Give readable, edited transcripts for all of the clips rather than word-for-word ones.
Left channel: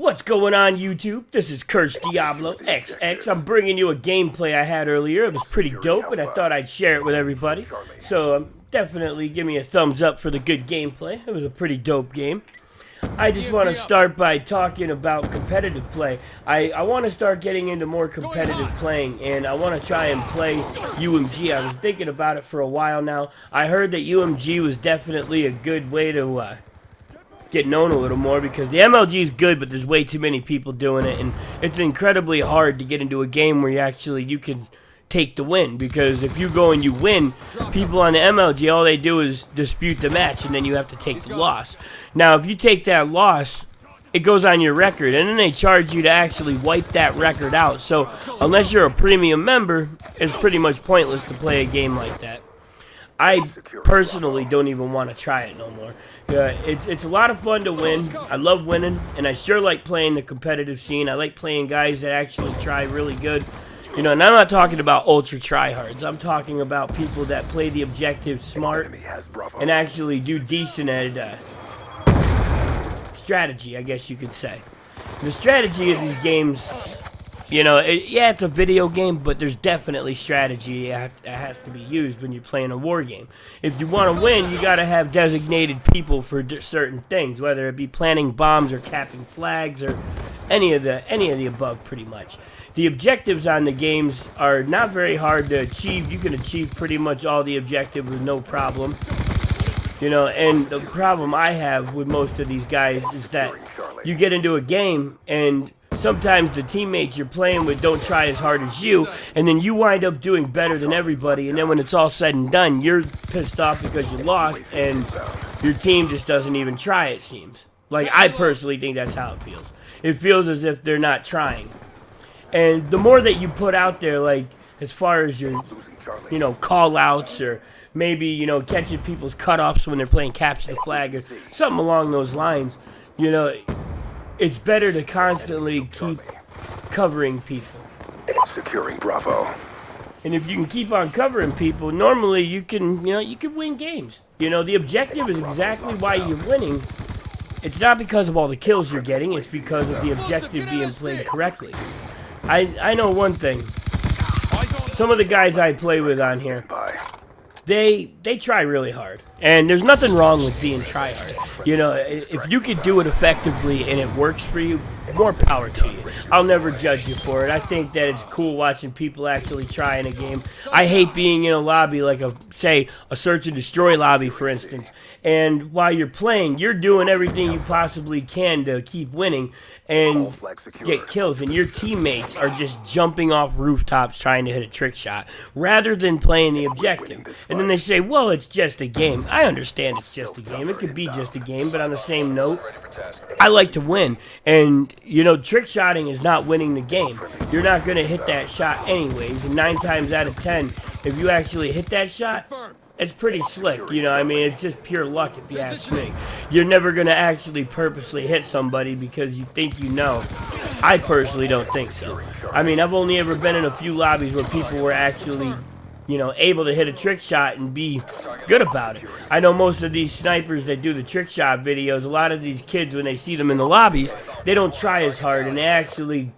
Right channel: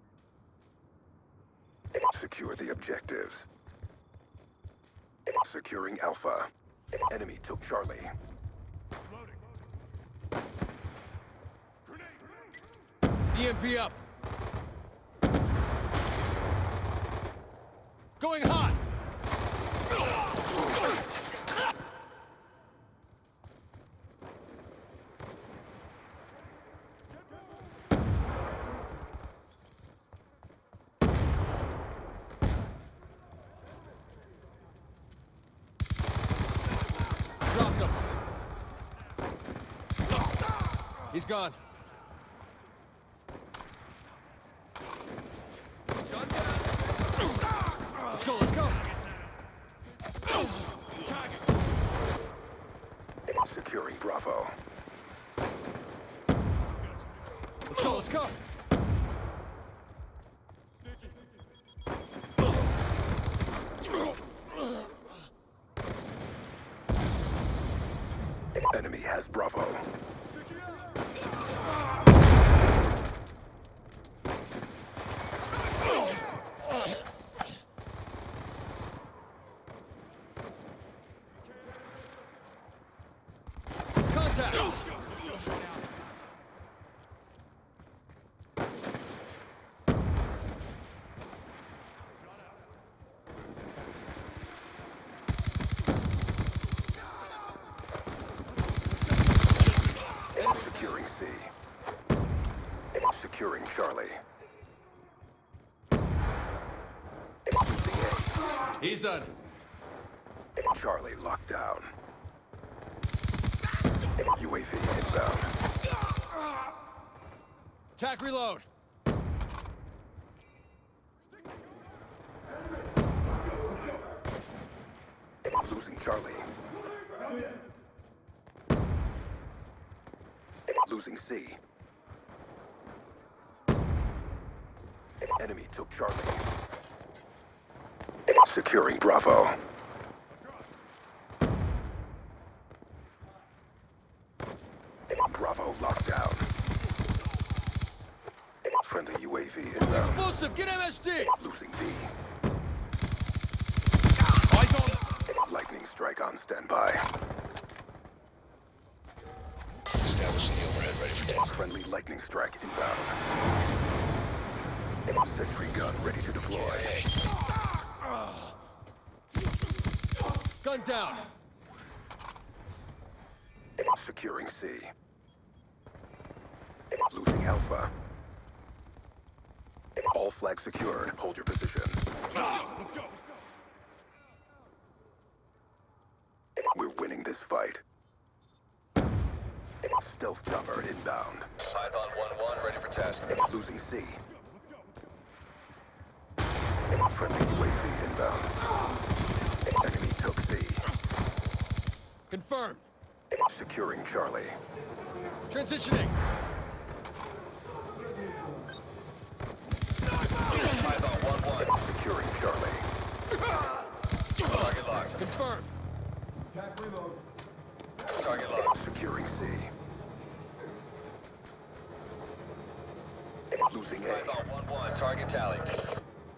What's going on, YouTube? This is Cursed diabloxx. I'm bringing you a gameplay I had earlier. It was pretty dope, and I thought I'd share it with everybody. So definitely give me a thumbs up for the good gameplay. It was a pretty dope game. I just want to start by talking about competitive play. I want to start getting into more competitive playing, and I want to try and play UMG. I was thinking about it for a while now. I heard that UMG was definitely a good way to get known a little more, because the MLG is good, but there's way too many people doing it, and it's incredibly hard to get into a game where you can take the win, because if you go and you win, people on the MLG, all they do is dispute the match, and then you have to take the loss. Now, if you take that loss, it goes on your record, and then they charge you to actually wipe that record out. So unless you're a premium member, it's pretty much pointless to play a game like that. I personally don't even want to try it no more. It's a lot of fun to win. I love winning, and I sure like playing the competitive scene. I like playing guys that actually try really good. You know, and I'm not talking about ultra tryhards. I'm talking about people that play the objective smart and actually do decent at strategy, I guess you could say. The strategy of these games, you know, yeah, it's a video game, but there's definitely strategy that has to be used when you're playing a war game. If you want to win, you got to have designated people for certain things, whether it be planting bombs or capping flags or any of the above, pretty much. The objectives on the games are not very hard to achieve. You can achieve pretty much all the objectives with no problem. You know, and the problem I have with most of these guys is that you get into a game and sometimes the teammates you're playing with don't try as hard as you, and then you wind up doing better than everybody, and then when it's all said and done, you're pissed off because you lost, and your team just doesn't even try, it seems. Like, I personally think that's how it feels. It feels as if they're not trying. And the more that you put out there, like, as far as your, you know, call-outs, or maybe, you know, catching people's cutoffs when they're playing capture the flag, or something along those lines, you know, it's better to constantly keep covering people. Securing Bravo. And if you can keep on covering people, normally you can win games. You know, the objective is exactly why you're winning. It's not because of all the kills you're getting, it's because of the objective being played correctly. I know one thing. Some of the guys I play with on here, they try really hard. And there's nothing wrong with being tryhard. You know, if you can do it effectively and it works for you, more power to you. I'll never judge you for it. I think that it's cool watching people actually try in a game. I hate being in a lobby like say a search and destroy lobby, for instance. And while you're playing, you're doing everything you possibly can to keep winning and get kills, and your teammates are just jumping off rooftops trying to hit a trick shot rather than playing the objective. And then they say, well, it's just a game. I understand it's just a game. It could be just a game, but on the same note, I like to win. And, you know, trick shotting is not winning the game. You're not going to hit that shot anyways. And 9 times out of 10, if you actually hit that shot, it's pretty slick, you know, I mean, it's just pure luck if you ask me. You're never going to actually purposely hit somebody because you think you know. I personally don't think so. I mean, I've only ever been in a few lobbies where people were actually, you know, able to hit a trick shot and be good about it. I know most of these snipers that do the trick shot videos, a lot of these kids, when they see them in the lobbies, they don't try as hard, and they actually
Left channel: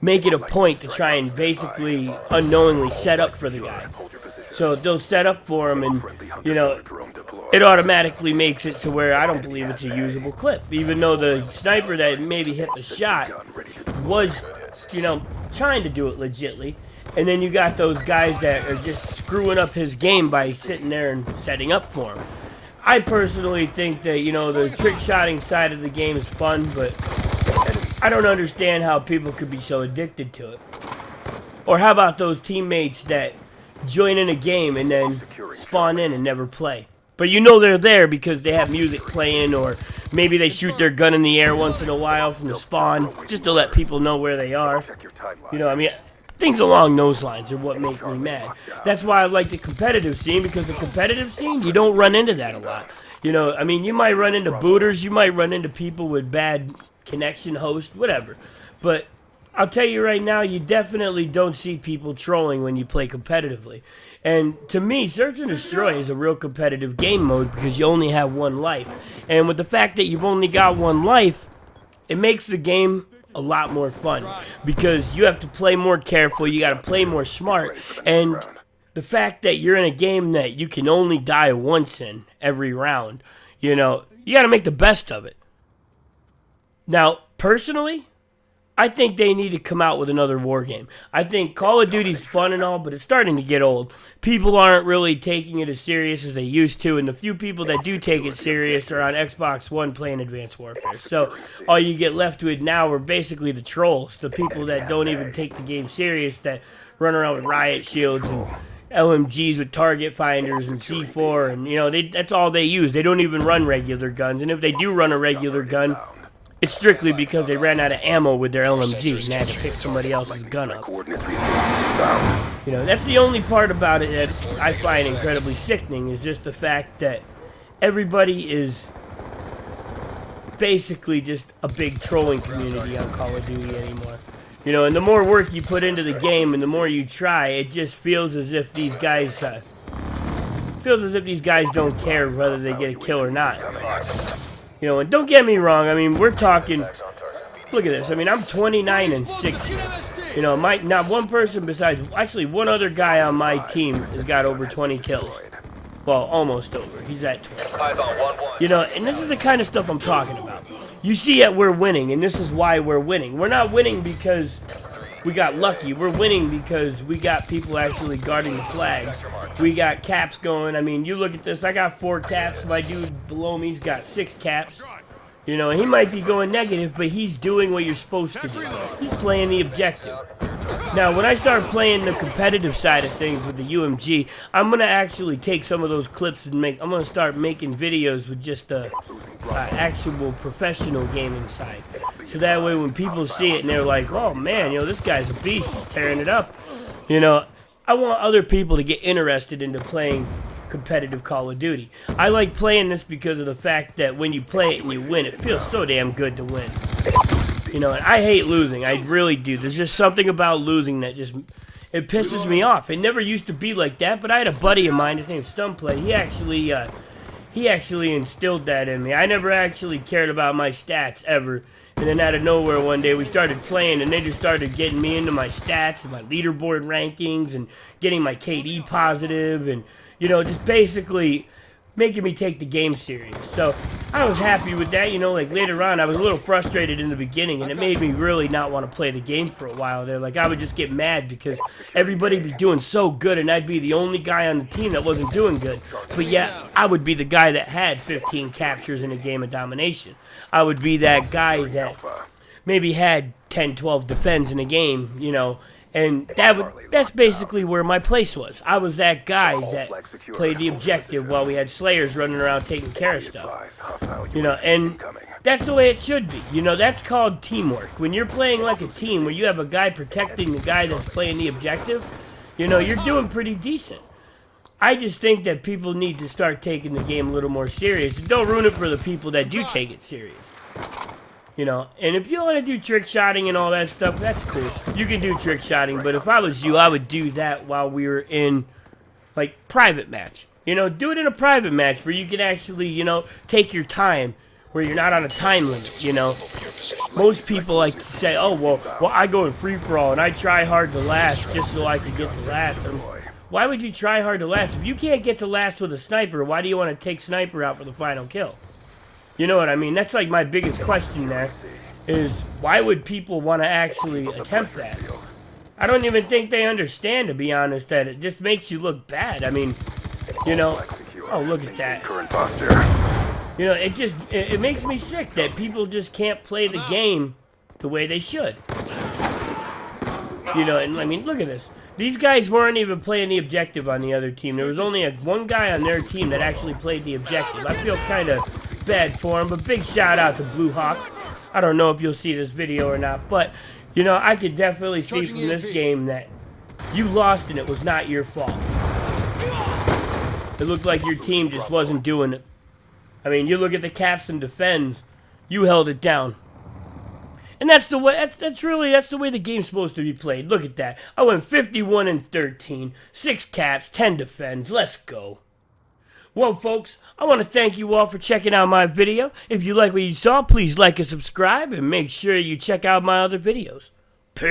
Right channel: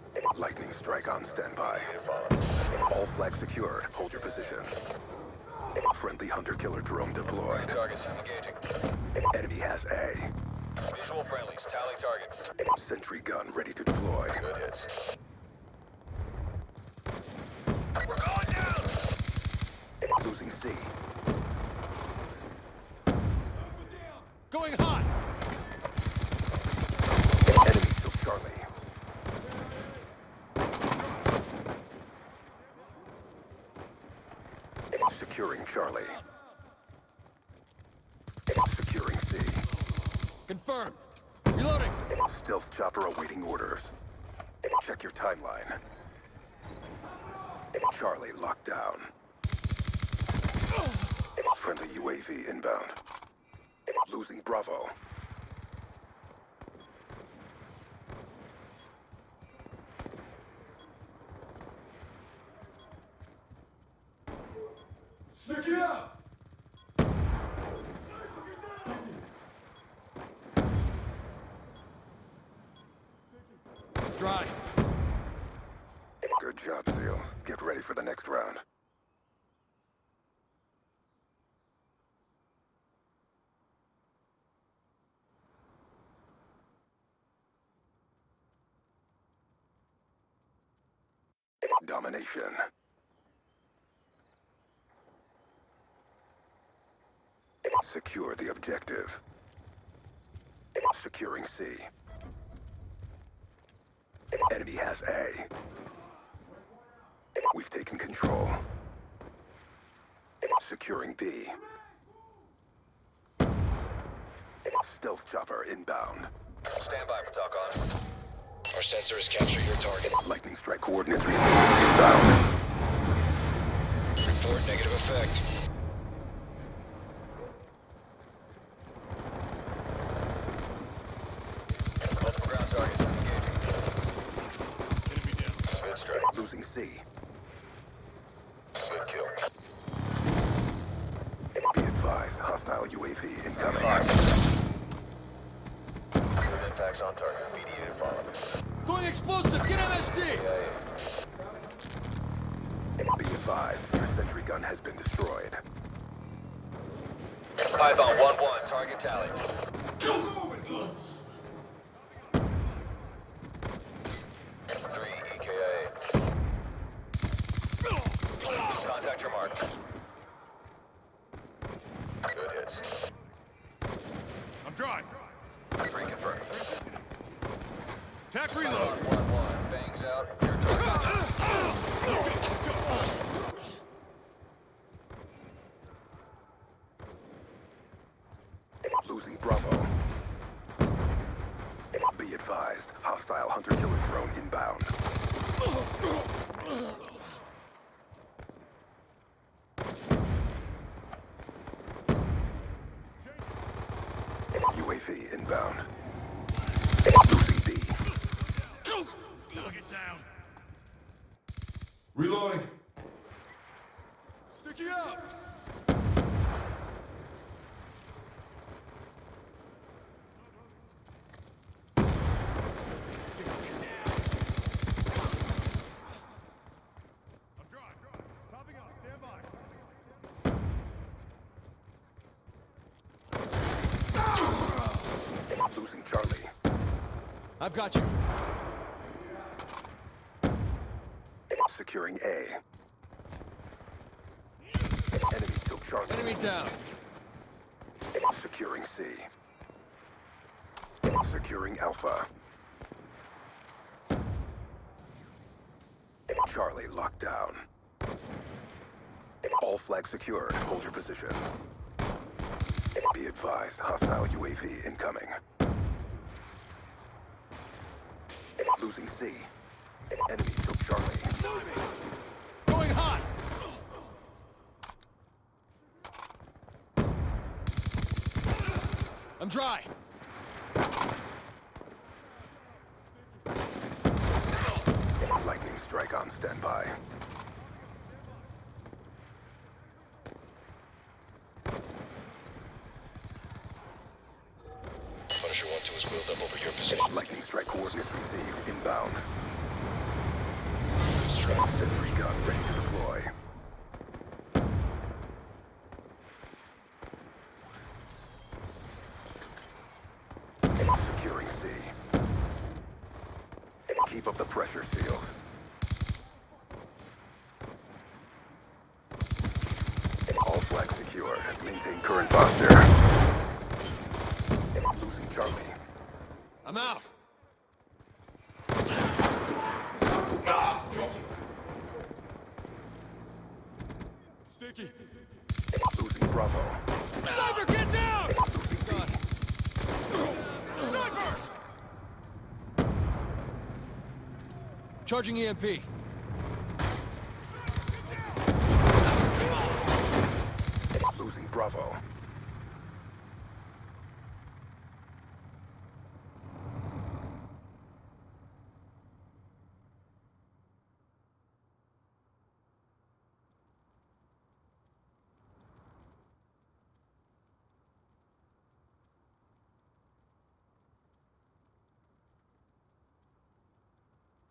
make it a point to try and basically unknowingly set up for the guy. So they'll set up for him, and, you know, it automatically makes it to where I don't believe it's a usable clip. Even though the sniper that maybe hit the shot was, you know, trying to do it legitly. And then you got those guys that are just screwing up his game by sitting there and setting up for him. I personally think that, you know, the trick shotting side of the game is fun, but I don't understand how people could be so addicted to it. Or how about those teammates that join in a game and then spawn in and never play? But you know they're there because they have music playing, or maybe they shoot their gun in the air once in a while from the spawn just to let people know where they are. You know, I mean, things along those lines are what make me mad. That's why I like the competitive scene, because the competitive scene, you don't run into that a lot. You know, I mean, you might run into booters, you might run into people with bad connection host, whatever. But I'll tell you right now, you definitely don't see people trolling when you play competitively. And to me, Search and Destroy is a real competitive game mode because you only have one life. And with the fact that you've only got one life, it makes the game a lot more fun because you have to play more careful, you got to play more smart, and the fact that you're in a game that you can only die once in every round, you know, you got to make the best of it. Now, personally, I think they need to come out with another war game. I think Call of Duty's fun and all, but it's starting to get old. People aren't really taking it as serious as they used to, and the few people that do take it serious are on Xbox One playing Advanced Warfare. So all you get left with now are basically the trolls, the people that don't even take the game serious, that run around with riot shields and LMGs with target finders and C4, and you know that's all they use. They don't even run regular guns, and if they do run a regular gun, it's strictly because they ran out of ammo with their LMG and they had to pick somebody else's gun up. Coordinates received inbound. You know, that's the only part about it that I find incredibly sickening, is just the fact that everybody is basically just a big trolling community on Call of Duty anymore. You know, and the more work you put into the game and the more you try, it just feels as if these guys don't care whether they get a kill or not. You know, and don't get me wrong, I mean, we're talking, look at this, I mean, I'm 29 and 6 here. You know, not one person besides, actually one other guy on my team has got over 20 kills. Well, almost over. He's at 20. You know, and this is the kind of stuff I'm talking about. You see that we're winning, and this is why we're winning. We're not winning because we got lucky. We're winning because we got people actually guarding the flags. We got caps going. I mean, you look at this. I got 4 caps. My dude below me's got 6 caps. You know, and he might be going negative, but he's doing what you're supposed to do. He's playing the objective. Now, when I start playing the competitive side of things with the UMG, I'm going to actually take some of those clips and I'm going to start making videos with just the actual professional gaming side. So that way when people see it and they're like, oh man, you know, this guy's a beast, he's tearing it up. You know, I want other people to get interested into playing competitive Call of Duty. I like playing this because of the fact that when you play it and you win, it feels so damn good to win. You know, and I hate losing. I really do. There's just something about losing that just, it pisses me off. It never used to be like that, but I had a buddy of mine, his name's Stunplay. He actually instilled that in me. I never actually cared about my stats ever. And then out of nowhere one day we started playing and they just started getting me into my stats and my leaderboard rankings and getting my KD positive and, you know, just basically making me take the game serious. So I was happy with that. You know, like later on I was a little frustrated in the beginning and it made me really not want to play the game for a while there. Like I would just get mad because everybody be doing so good and I'd be the only guy on the team that wasn't doing good. But yet I would be the guy that had 15 captures in a game of domination. I would be that guy that maybe had 10, 12 defends in a game, you know, and that's basically where my place was. I was that guy that played the objective while we had slayers running around taking care of stuff. You know, and that's the way it should be. You know, that's called teamwork. When you're playing like a team where you have a guy protecting the guy that's playing the objective, you know, you're doing pretty decent. I just think that people need to start taking the game a little more serious. Don't ruin it for the people that do take it serious. You know, and if you want to do trick shotting and all that stuff, that's cool. You can do trick shotting, but if I was you, I would do that while we were in, like, private match. You know, do it in a private match where you can actually, you know, take your time, where you're not on a time limit, you know. Most people like to say, oh, well, I go in free-for-all and I try hard to last just so I can get to last. I mean, why would you try hard to last? If you can't get to last with a sniper, why do you want to take sniper out for the final kill? You know what I mean? That's like my biggest question there, is why would people want to actually attempt that? I don't even think they understand, to be honest, that it just makes you look bad. I mean, you know, oh, look at that. Current posture. You know, it makes me sick that people just can't play the game the way they should. You know, and I mean, look at this. These guys weren't even playing the objective on the other team. There was only one guy on their team that actually played the objective. I feel kind of bad for him, but big shout out to Blue Hawk. I don't know if you'll see this video or not, but, you know, I could definitely see from this game that you lost and it was not your fault. It looked like your team just wasn't doing it. I mean, you look at the caps and defends, you held it down. And that's the way. That's the way the game's supposed to be played. Look at that. I went 51 and 13, 6 caps, 10 defends. Let's go. Well, folks, I want to thank you all for checking out my video. If you like what you saw, please like and subscribe, and make sure you check out my other videos.